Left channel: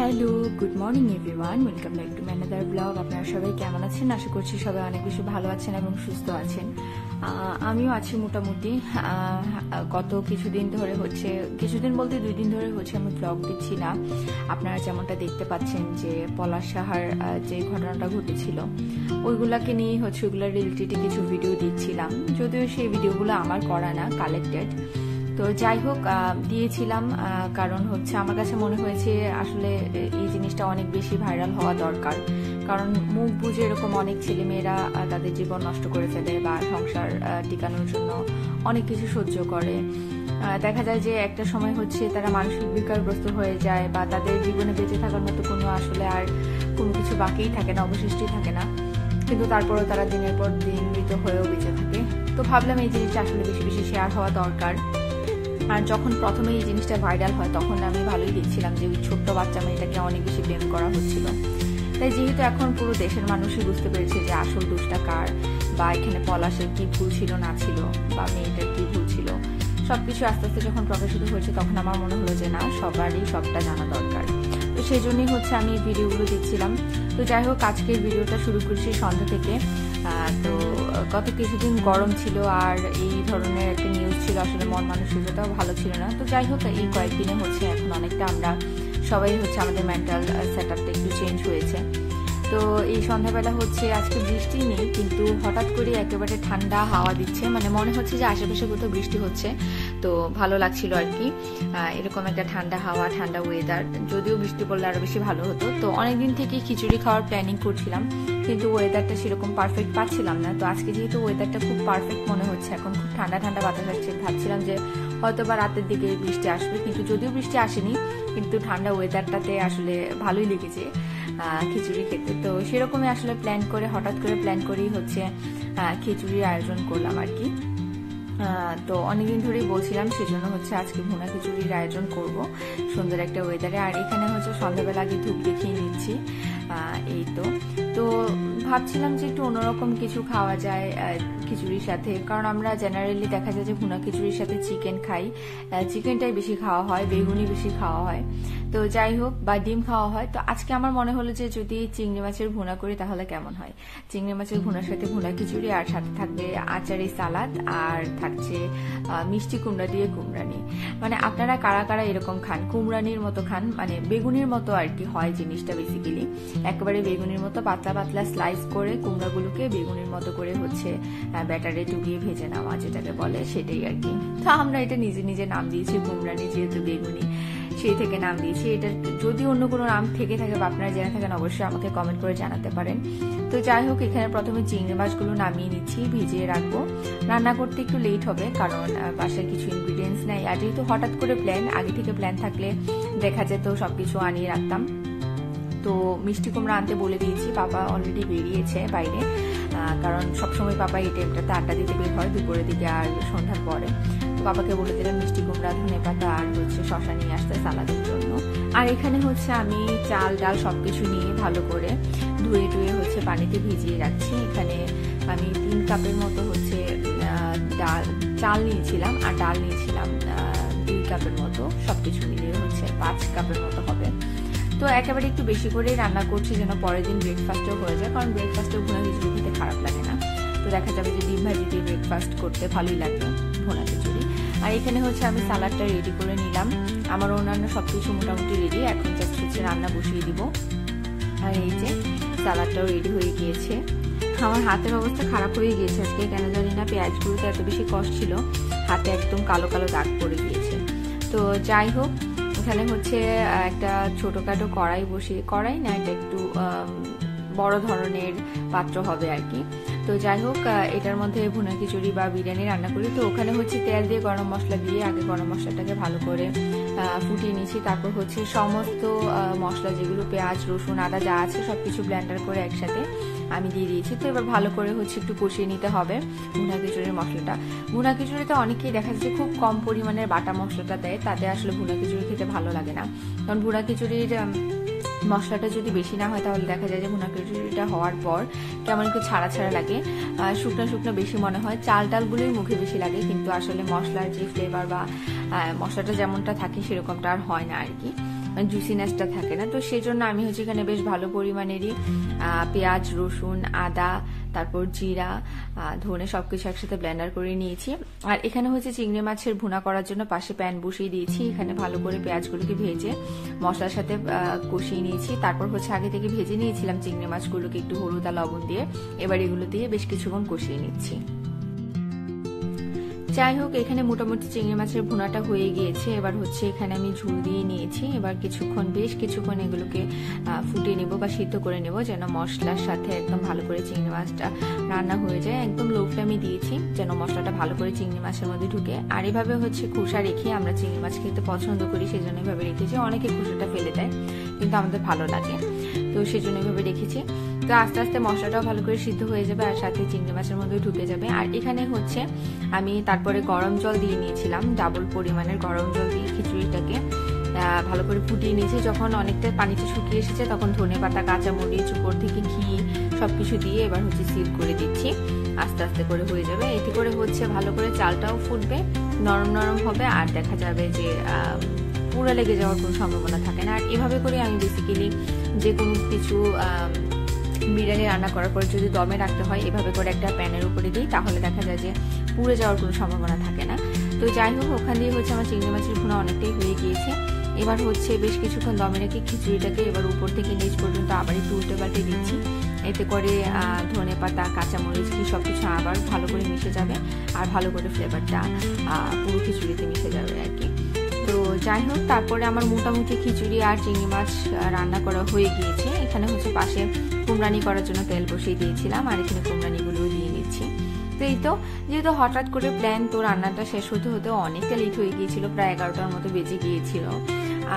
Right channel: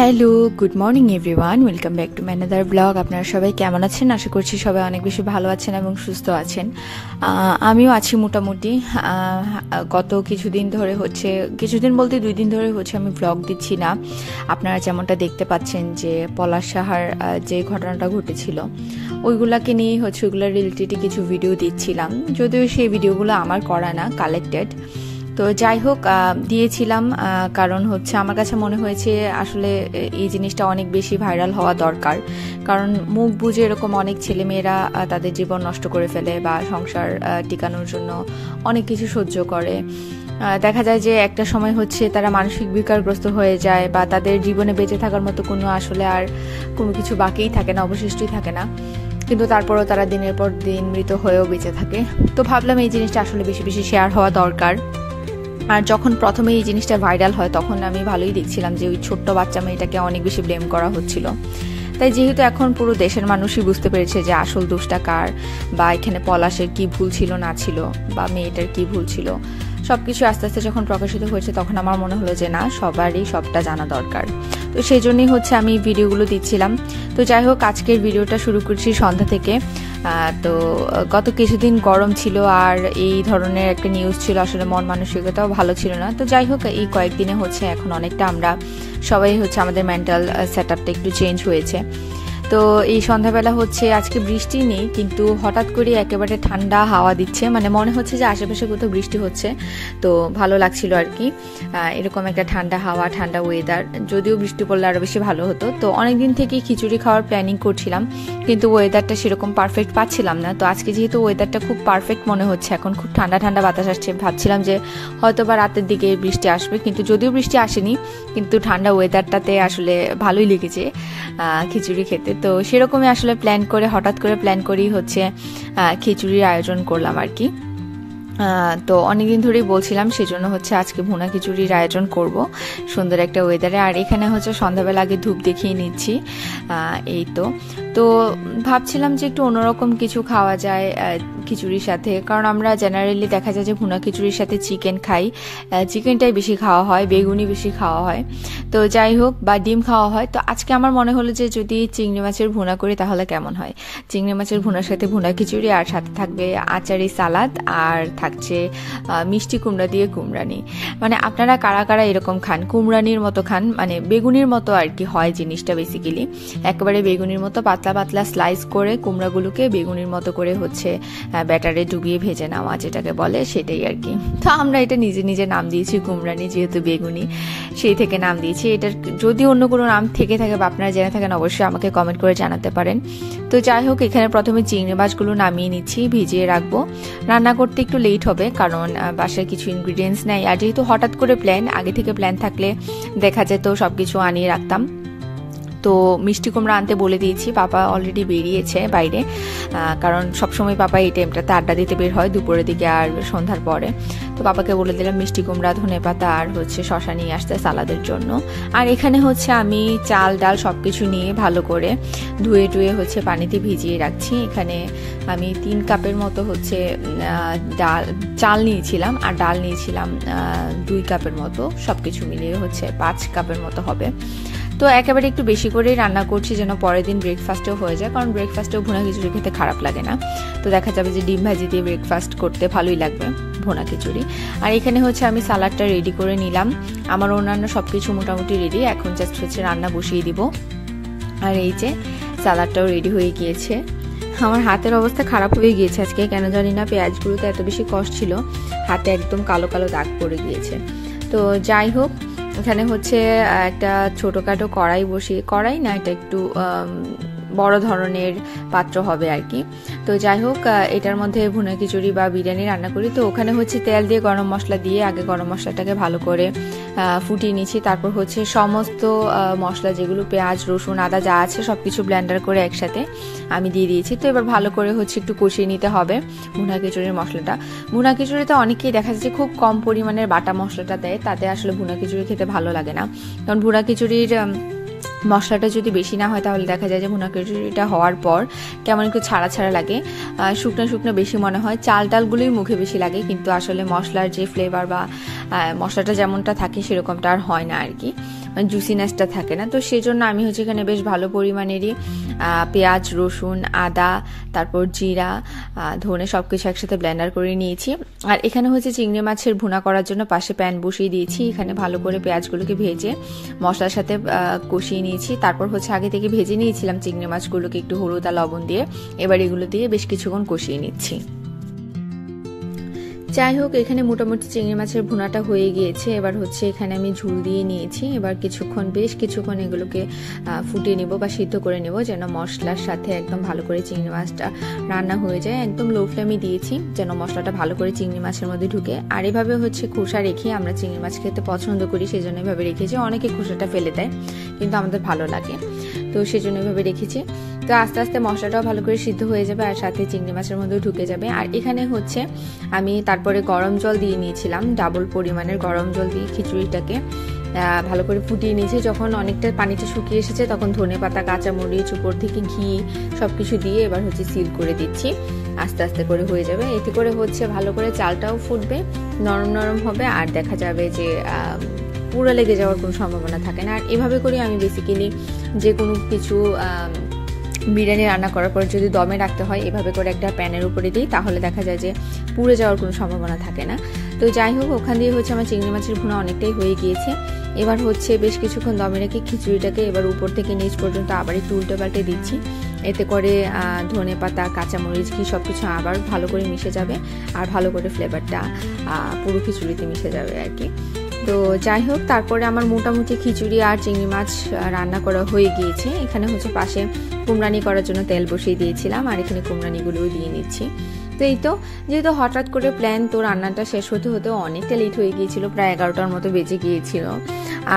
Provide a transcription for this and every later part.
Hello, good morning everyone, welcome back to ম্যানাদার blog. আপনারা সবাই কেমন আছেন? আশা করছি সবাই অনেক বেশি ভালো আছেন এবং সুস্থ আছেন। আমিও আছি মোটামুটি। গত কিছুদিন ধরে কিছুদিন বলতে 2 দিন ধরে আমি ব্লগ দিচ্ছি না। আপনারা যেমনটা দেখতে পাচ্ছেন যে পলাশ সাহার যে ঘটনাটা ঘটেছিল ওইগুলাকে নিয়ে ওইগুলোর রিলেটেড কিছু ভিডিও দিচ্ছিলাম, যদিও সেই ভিডিওগুলো আমার করা না, কালেক্টেড। তো যাই হোক, দিয়েছিলাম কারণ আমার কাছে মনে হয়েছে আসলে এই জিনিসটা অনেক বেশি ভাইরাল হওয়া দরকার। কারণ মুখ বুঝে এরকম অনেক ছেলেমেয়েরা তাদের জীবন নষ্ট করে ফেলে বা সংসার টিকানোর জন্য অনেক কিছু সহ্য করে। দেখা যায় যে একটা সময় তারা মানসিক বিকারগ্রস্ত হয়ে যায় বা তাদের জীবনে বেঁচে থাকার মতো আসলে আর কোনো কিছু বাকিই থাকে না, অবশিষ্টই থাকে না, কিন্তু তারপরেও তারা দিনের পর দিন মৃত হয়েও বেঁচে থাকে। তো ভাবলাম এই জিনিসটা আসলে বেশি বেশি শেয়ার হওয়া দরকার। আর যখন প্রথমে এই জিনিসটা ভাইরাল হয় তখন আমি ভালোই দেখছিলাম যে ওই ছোট্ট বাচ্চা মেয়েটাকে অনেক বেশি ব্লেম করা হচ্ছিল। তাই যেহেতু এখন পুরো দেশের মানুষই বুঝতে পেরেছে যে আসল দোষটা কার, বা এখানে পলাশের কি ভুল ছিল না ছিল, বা মেয়েটার কি ভুল ছিল, সবকিছু আস্তে আস্তে যখন প্রকাশিত হয়েছে তখন আমার মনে হলো যে না, সবারই সবটা জানা দরকার। তো সেই জন্যই আমি ভিডিওগুলো দিচ্ছিলাম। তো যাই হোক, আজকের ভিডিওটা শুরু করছি সন্ধ্যা থেকে। তো গত কিছুদিন গরম ছিল আর এই ধরনের একটা নিউজ ছিল, আসলে মন মানসিকতাও ভালো ছিল না। তো যাই হোক, এই কয়েকদিনে এখন অনেকটা আমরা সবাই আমাদের মেন্টাল সেট আপটা একটু চেঞ্জ হয়েছে। তো এই সন্ধ্যাবেলা আজকে বৃষ্টি নেই, কিন্তু হঠাৎ করে একেবারে ঠান্ডা হাওয়া দিচ্ছে, মানে মনে হচ্ছে যে আশেপাশে কোথাও বৃষ্টি হচ্ছে। তো ভালো লাগছিল আর কি, এরকম একটা ঠান্ডা হাওয়া, ঠান্ডা ওয়েদার। যদিও বৃষ্টি পড়লে আরো বেশি ভালো হতো। তো অনেকদিন থেকেই খিচুড়ি খাওয়ার প্ল্যানিং করছিলাম, কিন্তু ওয়েদারটা সেরকম পারফেক্ট পাচ্ছিলাম না। তো আজকে যেহেতু ওয়েদারটা খুব পারফেক্ট মনে হচ্ছে, এখন খুব ঠান্ডা ঠান্ডা বাতাস আসছে, ভাবছিলাম যে হয়তো বা রাতের দিকে বৃষ্টি আসবে, কিন্তু যদিও বৃষ্টি আসেনি, কিন্তু ঠান্ডা ওয়েদারটাতে আসলে ভালোই লেগেছে খিচুড়ি খেতে। তো সেরকমই আসলে হঠাৎ করে প্ল্যান করেই খিচুড়ির আয়োজন করলাম আর কি। তো অনেকদিন ধরেই বলছিলাম, সেজন্য আজকে ভুনা খিচুড়ির আয়োজন করব সুন্দর একটা ওয়েদারে। আর এখানে সন্ধ্যাবেলা আগে ধূপ দেখিয়ে নিচ্ছি। এই তো ভাবছিলাম যে একটু অন্যরকম কিছু খাওয়া যায় খিচুড়ির সাথে, কারণ আমরা জেনারেলি দেখা যায় যে ভুনা খিচুড়ির সাথে চিকেন খাই, চিকেনটাই বেশি খাওয়া হয়, বেগুনি বেশি খাওয়া হয়। তো যাই হোক, বা ডিম খাওয়া হয়। তো আজকে আমার মনে হলো যে যদি চিংড়ি মাছের ভুনা করি তাহলে কেমন হয়। চিংড়ি মাছের ভুনার সাথে ভুনা খিচুড়ি, আর সাথে থাকবে আচারি সালাদ, আর থাকছে মিষ্টি কুমড়া দিয়ে কুমড়ানি। মানে আপনারা কারা কারা এরকম খান, কুমড়ানির মতো খান, মানে বেগুনির মতো আর কি হয় জিনিসটা। বেসিক্যালি একেবারে বেগুনির মতো পাতলা পাতলা স্লাইস করে কুমড়াগুলোকে বেগুনির মতো করে ব্যাটারে ডুবিয়ে ভেজে নেওয়া, যেটাকে বলে, সেটাই আর কি। তো আমরা এটা নিজে নিজে নাম দিয়েছি কুমড়ানি, যেহেতু বেগুনি সেই থেকে নাম দিয়েছি। এটার যদি অন্য কোনো নাম থেকে থাকে বা আপনারা জেনে থাকেন অবশ্যই আমাকে কমেন্ট করে জানাতে পারেন। তো যাই হোক, এখানে প্রথমে চিংড়ি মাছগুলো নামিয়ে নিচ্ছি, ভিজিয়ে রাখবো। রান্না করতে একটু লেট হবে কারণ বাসায় কিছু ইনগ্রিডিয়েন্টস নেই, আর যেহেতু হঠাৎ করে প্ল্যান, আগে থেকে প্ল্যান থাকলে দেখা যেত সবকিছু আনিয়ে রাখতাম। তো মিষ্টি কুমড়া আনতে বলে দিয়েছি, পাপা অলরেডি বেরিয়েছে বাইরে, কারণ সবসময় পাপা এই টাইমটাতে আড্ডা দিতে বের হয়, দুপুরের দিকে আর সন্ধ্যার পরে। তো পাপাকে বলে দিলাম মিষ্টি কুমড়া, ধনেপাতা আর শশা নিয়ে আসতে সালাদের জন্য। আর এখানে আমি চাল ডাল সবকিছু নিয়ে ভালো করে ধুয়ে টুয়ে পানিতে ভিজিয়ে রাখছি। এখানে আমি 3 কাপের মতো চাল নিয়েছিলাম, আর ডাল নিয়েছিলাম 2 কাপের মতো, সবকিছু মিলিয়ে 5 কাপের মতো হবে। তো একেবারে একটু বেশি করেই রান্না করছি যেন পরের দিন ব্রেকফাস্টও হয়ে যায়, কারণ ব্রেকফাস্টেও ভুনা খিচুড়ি খেতে খারাপ লাগে না। তো দেখা যাবে যে ডিম ভাজি দিয়ে ব্রেকফাস্ট করতে ভালোই লাগবে ভুনা খিচুড়ি। আর এখানে আমি সালাডটা রেডি করে নিলাম, আমার অন্যান্য সবকিছু মোটামুটি রেডি, এখন জাস্ট রান্না বসিয়ে দিব। আর এই যে সালাডটাও রেডি হয়ে গিয়েছে। আমার হাতের অবস্থা খারাপ হয়ে গিয়েছে আজকে, কেন জানি না, পেঁয়াজগুলোতে এত বেশি কষ্ট ছিল, হাতে একদম কালো কালো দাগ পড়ে গিয়েছে। তো যাই হোক, এখানে একটা ছোটোখাটো কড়াই না, এটা একটু বড় ধরনের পাত্র হবে আর কি। তো যাই হোক, এটার মধ্যে ভুনা খিচুড়ি বা বিরিয়ানি রান্না করি। তো ওখানে তেল দিয়ে গরম মশলা দিয়ে আগে গরম মশলাটাকে ভালো করে ফুটিয়ে নিচ্ছি। তারপর সমস্ত মশলা যেগুলো পেঁয়াজ রসুন আদা যা আছে সব কিছু ব্লেন্ডার করে একসাথে আমি দিয়ে দিয়েছি। তো এবার ভালো করে একটু কষিয়ে নিতে হবে ভুনা খিচুড়ির মশলাটা। ভুনা খিচুড়িতে অনেকেই দেখা যাচ্ছে খুব কম পরিমাণের বাটা মশলাটা দেয়, তাতে আসলে ভুনা খিচুড়ি খেতে ভালো লাগে না। কারণ ভুনা খিচুড়ির মশলাটা যদি বেশি না হয় তাহলে দেখা যায় যে ভুনা খিচুড়িটা হওয়ার পর কেমন একটু ছাড়া ছাড়া লাগে, শুকনো শুকনো বেশি মনে হয়, চাল ডালগুলোই মুখে বেশি লাগে, কিন্তু আসলে মশলার যে ফ্লেভার বা মশলাটা যেমনটা থাকে সেরকমটা আর হয় না আর কি। জুসিনেসটা থাকে না। তো সেই জন্য আমি হচ্ছে এখানে বেশ ভালো পরিমাণেরই পেঁয়াজ, রসুন, আদা, তারপর জিরা, ধনে সবকিছু একসাথে ব্লেন্ডার করে নিয়েছি। আর এখানে হচ্ছে চিংড়ি মাছের ভুনা করার জন্য পাশে প্যান বসিয়ে দিয়েছি। এখানে ভালো করে পেঁয়াজগুলোকে ভেজে মশলার সাথে কষিয়ে নিয়েছি। তারপর হচ্ছে আগে থেকে ভেজে নিয়েছিলাম চিংড়ি মাছগুলোকে একটু হলুদ আর লবণ দিয়ে। এবার এগুলো দিয়ে বেশ কিছুক্ষণ কষিয়ে নিচ্ছি। যাই হোক, এখানে মোটামুটি চিংড়ি মাছের ভুনাটা হয়ে গিয়েছে। এবার হচ্ছে এখানে আমি ঝুল দিয়ে নিয়েছি। এবার বেশ কিছুক্ষণ এগুলোকে ফুটিয়ে নেব বা সিদ্ধ করে নেব, যেন মশলার সাথে একদম ভালো করে চিংড়ি মাছটা রান্না হয়ে যায়। একদম লো ফ্লেমে দিয়েছি যেন মশলাটা ভালো করে চিংড়ি মাছের মধ্যে ঢুকে। আর এভাবে হচ্ছে খোসা রেখে আমরা চিংড়ি মাছ খেতে পছন্দ করি, সেই জন্য এভাবে রেখেছি। অনেকে খোসাটা ফেলে দেয়, কিন্তু আমাদের ভালো লাগে, তো সেই জন্য এভাবে রেখেছি। তো আস্তে আস্তে মশলাটাও ভালো করে সিদ্ধ হয়ে যাবে আর সাথে চিংড়ি মাছের মধ্যেও ঢুকে যাবে। আর এখানে হচ্ছে আমি তারপরে গরম জল দিয়ে নিয়েছিলাম, ডাবল পরিমাণের গরম জল দিয়ে খিচুড়িটাকে ভালো করে ফুটিয়ে নিয়েছি। যখন অনেকটা পানিটা শুকিয়ে এসেছে তখন ধনেপাতা, কাঁচামরিচ, উপর থেকে ঘি সবকিছু দিয়ে এবার হচ্ছে সিল করে দিচ্ছি। আস্তে আস্তে করে হয়ে যাবে। এতে করে হচ্ছে ভালো করে চালটাও ফুটবে, নরম নরম হবে, আর দেখা যাবে যে পুরো লেগে যাওয়ার কোনো সম্ভাবনা থাকে না। আর এভাবে করে আমি বেসিক্যালি যে কোনো কিছু বিরিয়ানি রান্না করার পর যদি দমে রাখতে হয় এভাবে করে একটা প্যানের উপরে দিই, তাহলে দেখা যায় যে পুড়ে যাওয়ার কোনো সম্ভাবনা থাকে না। তো যাই হোক, ওখান দিয়ে হচ্ছে আমার চিংড়ি মাছের ভুনা অনেকটাই হয়ে গিয়েছে। এবার হচ্ছে বেশ কিছুক্ষণ দমে রেখে খিচুড়িটাকে এবার উপর থেকে নিচ পর্যন্ত আবার একটু উল্টে পাল্টে দিচ্ছি। এতে করে ধনেপাতা, কাঁচামরিচ, ঘি সবকিছু আবার ভালো করে মিশে যাবে আর ভালো করে ফ্লেভারটা পুরো খিচুড়িতে মিশে যাবে আর কি। তো যাই হোক, তারপরে আমার মোটামুটি খিচুড়ি আর চিংড়ি মাছ রান্না করা হয়ে গিয়েছে। এখানে হচ্ছে পাশে কুমড়ানি করার জন্য তেল বসিয়ে দিয়েছিলাম আর এখানে কুমড়ানিগুলোও দিয়ে নিচ্ছি। তো এই তো, যেহেতু হঠাৎ করে প্ল্যান, তো রান্নাটা শেষ হতে হতে অনেকটা লেট হয়ে গিয়েছিল, প্রায় 11টার মতো বেজে গিয়েছিল।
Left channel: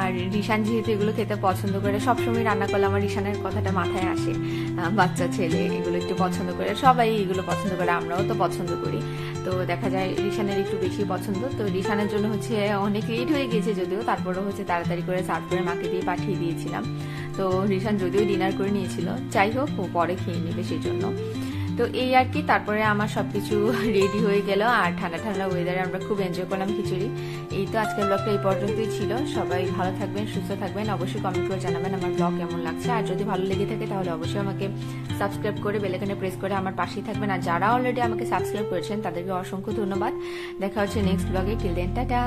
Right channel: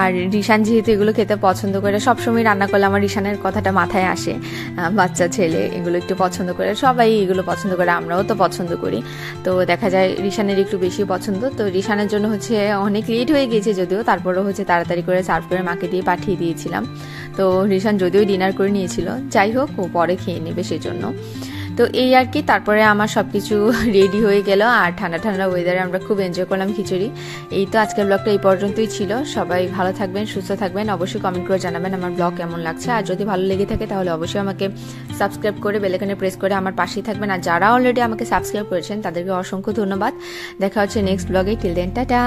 আর রিশান যেহেতু এগুলো খেতে পছন্দ করে, সবসময় রান্না করলে আমার রিশানের কথাটা মাথায় আসে, বাচ্চা ছেলে এগুলো একটু পছন্দ করে, সবাই এগুলো পছন্দ করে, আমরাও তো পছন্দ করি। তো দেখা যায় রিশানের একটু বেশি পছন্দ। তো রিশানের জন্য হচ্ছে অনেক লেট হয়ে গিয়েছে যদিও, তারপরেও হচ্ছে তাড়াতাড়ি করে সার্ভ করে মাকে দিয়ে পাঠিয়ে দিয়েছিলাম। তো রিশান যদিও ডিনার করে নিয়েছিল, যাই হোক ও পরে খেয়ে নেবে সেই জন্য। তো এই আর কি, তারপরে আমার সবকিছু রেডি হয়ে গেল আর ঠান্ডা ঠান্ডা ওয়েদারে আমরা খুব এনজয় করলাম খিচুড়ি। এই তো, আজকের ব্লগটা এই পর্যন্তই ছিল। সবাই ভালো থাকবেন, সুস্থ থাকবেন, অবশ্যই কমেন্ট করে জানাবেন আমার ব্লগ কেমন লাগছে। আর যদি ভালো লেগে থাকে তাহলে অবশ্যই আমাকে সাবস্ক্রাইব করে বেল আইকনে প্রেস করে আমার পাশেই থাকবেন। আর যারা অলরেডি আমাকে সাবস্ক্রাইব করেছেন তাদেরকে অসংখ্য ধন্যবাদ। দেখা হচ্ছে নেক্সট ব্লগে। Till then, tata.